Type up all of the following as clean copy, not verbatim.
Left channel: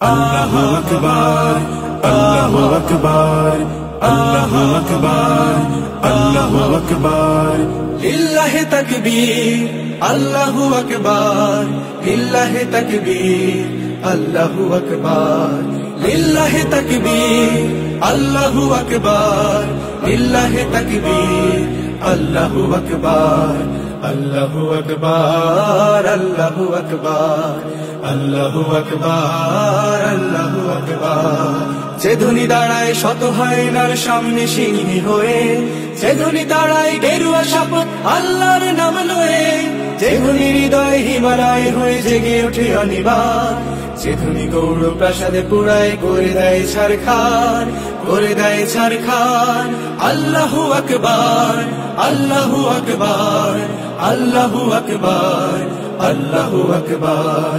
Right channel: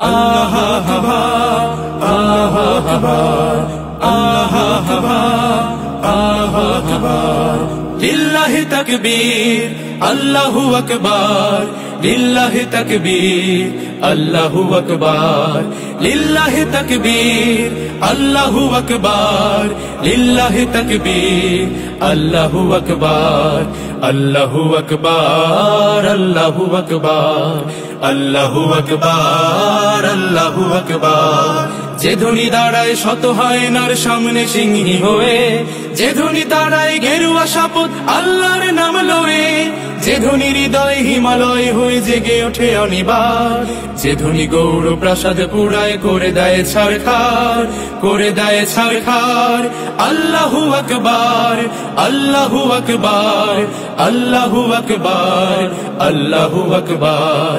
আল্লাহু আকবার, আল্লাহু আকবার, আল্লাহু আকবার, আল্লাহু আকবার। লিল্লাহি তাকবীর, আল্লাহু আকবার, লিল্লাহি তাকবীর, আল্লাহু আকবার, লিল্লাহি তাকবীর, আল্লাহু আকবার, লিল্লাহি তাকবীর, আল্লাহু আকবার, আল্লাহু আকবার, আল্লাহু আকবার, আল্লাহু আকবার, আল্লাহু আকবার। যে ধ্বনি দাঁড়ায় শত হায়নার সামনে সিংহী হয়ে, যে ধ্বনি দাঁড়ায় গেরুয়া শপথ আল্লাহর নাম লয়ে, যে ধ্বনি হৃদয় হিমালয় হয়ে জেগে ওঠে অনিবার, যে ধ্বনি গৌর প্রাসাদ পুরায় করে দেয় ছারখার, করে দেয় ছারখার। আল্লাহু আকবার, আল্লাহু আকবার, আল্লাহু আকবার, আল্লাহু আকবার,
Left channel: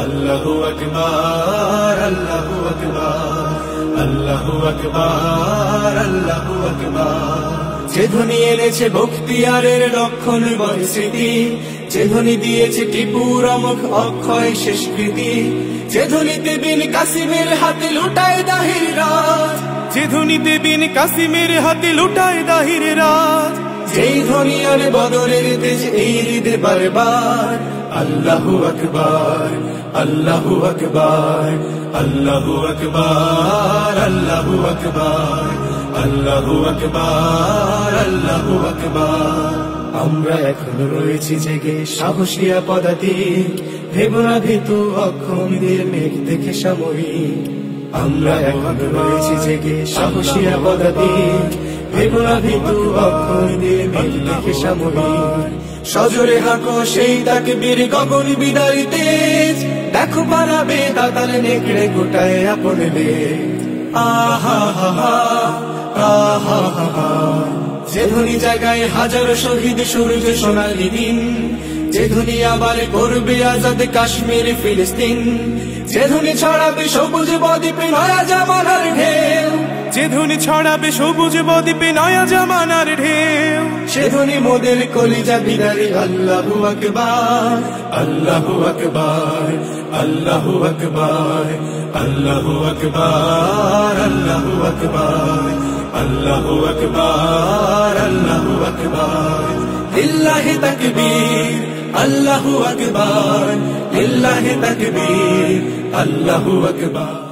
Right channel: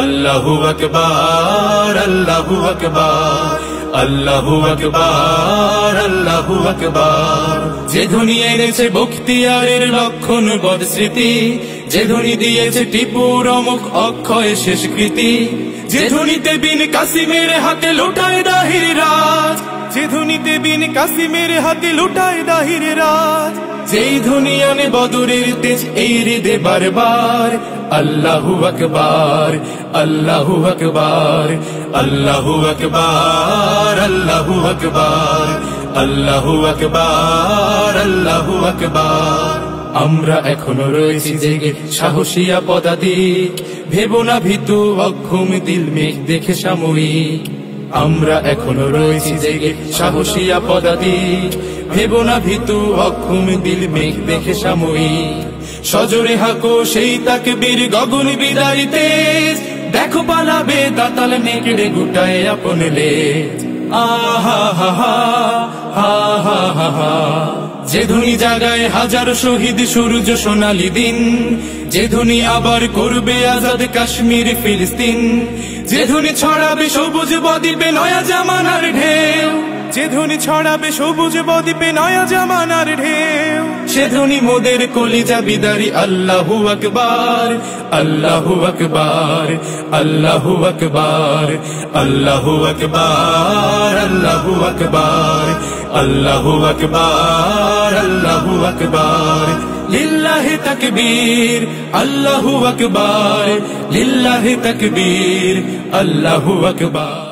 আল্লাহু আকবার, আল্লাহু আকবার, আল্লাহু আকবার, আল্লাহু আকবার। যে ধ্বনি এনেছে বখতিয়ারের লক্ষণ বদ স্মৃতি, যে ধ্বনি দিয়েছে টিপুর অমুখ অক্ষয় শেষকৃতি, যে ধ্বনিতে বিন কাসিমের হাতে লুটায় দাহির রাজ, যে ধ্বনিতে বিন কাসিমের হাতে লুটায় দাহির রাজ, যেই ধ্বনি আনে বদরের তেজ এই হৃদে বারবার। আল্লাহু আকবার, আল্লাহু আকবার, আল্লাহু আকবার, আল্লাহু আকবার, আল্লাহু আকবার, আল্লাহু আকবার। আমরা এখনো রয়েছি জেগে সাহসিয়া পদাতিক, ভেবো না ভীতু অক্ষম দিল মেঘ দেখে সাময়িক। আমরা এখনো রয়েছি জেগে সাহসিয়া পদাতিক, ভেবো না ভীতু অক্ষম দিল মেঘ দেখে সাময়িক। সজোরে হাঁকো সেই তাকবীর গগন বিদারী তেজ, দেখো পালাবে দাতাল নেকড়ে গোটায় আপন লেজ। আহা হা হা, আহা হা হা। যে ধ্বনি জাগায় হাজারো শহীদ সূর্য সোনালী দিন, যে ধ্বনি আবার করবে আজাদ কাশ্মীর ফিলিস্তিন, যে ধ্বনি ছড়াবে সবুজ বদ্বীপে নয়া জামানার ঢেউ, যে ধ্বনি ছড়াবে সবুজ বদ্বীপে নয়া জামানার ঢেউ, সে ধ্বনি মোদের কলিজা বিদারী। আল্লাহু আকবার, আল্লাহু আকবার, আল্লাহু আকবার, আল্লাহু আকবার, আল্লাহু আকবার, আল্লাহু আকবার, আল্লাহু আকবার। লিল্লাহি তাকবীর, আল্লাহু আকবার, লিল্লাহি তাকবীর, আল্লাহু আকবার।